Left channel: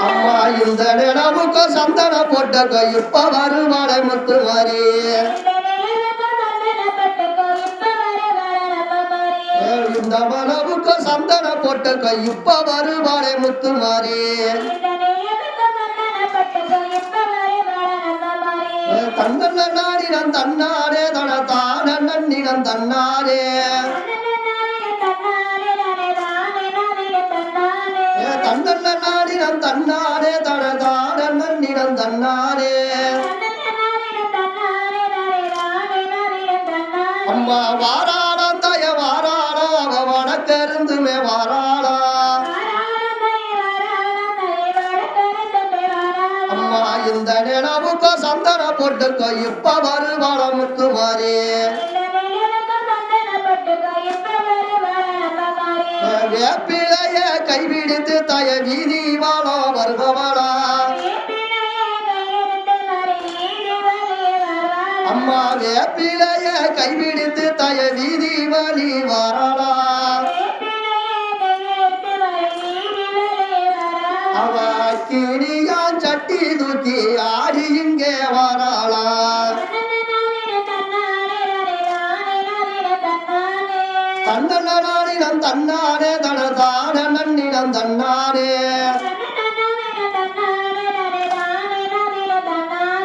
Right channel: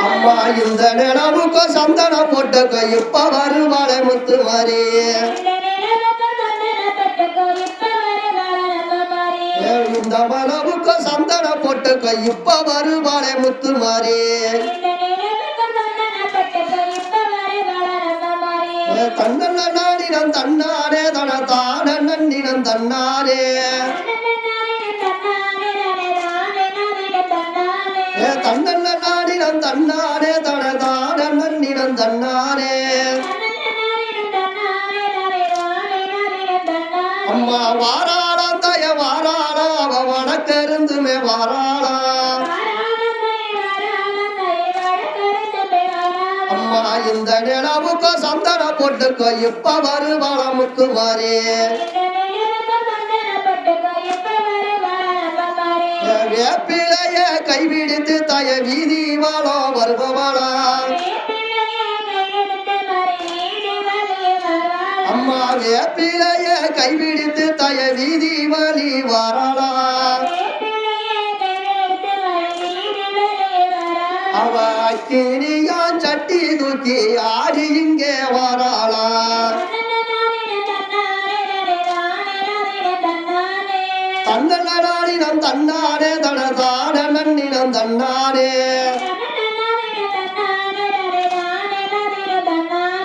அம்மா இந்த நிலவுக்கு சந்தன போட்ட இப்ப வருவாளை முத்து மாறி இந்த மலவுக்கு சந்தன போட்ட இப்ப வருவாளை முத்து மாறி. ஏ, தன்னன்ன நாடினம் தன்னானே தன தான நன்னினம் தன்னானே ஏ தன்னாரே தனதான நன்னிடம் தன்னாரே. அம்மா வாராளா தய வாராளா அவ வடக்கருந்துமே வாராளா. அம்மா இந்த நிலவுக்கோ சந்தன போட்டுக்கோ இப்ப வருவாள முத்துமாரே வேப்பிலைய கைவிடுத்து தய வீதி வாழோ வருபவளா. அம்மா வேப்பிலைய கைவிடுத்து தய வீதி வழி வரலா அவ கிணியான் சட்டி தூக்கி ஆடி இங்கே வராளா. தன்னடாடினம் தன்னானே தனதான நன்னினம் தன்னானே.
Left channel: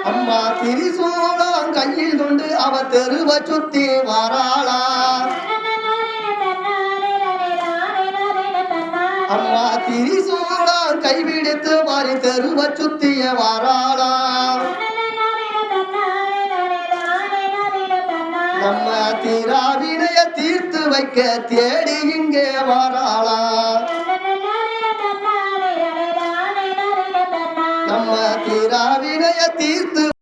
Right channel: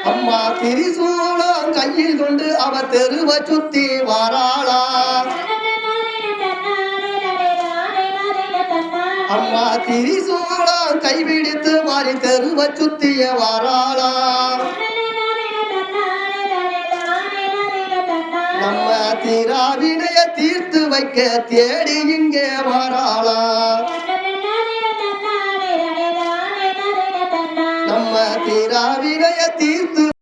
அம்மா திரிசூலம் கையில் கொண்டு அவ தெருவ சுத்தி வராளா. அம்மா திரிசூலம் கைவிடுத்து மாறி தெருவ சுத்திய வராளா. நம்ம திராவினைய தீர்த்து வைக்க தேடி இங்கே வராளா. நம்ம திராவினைய தீர்த்து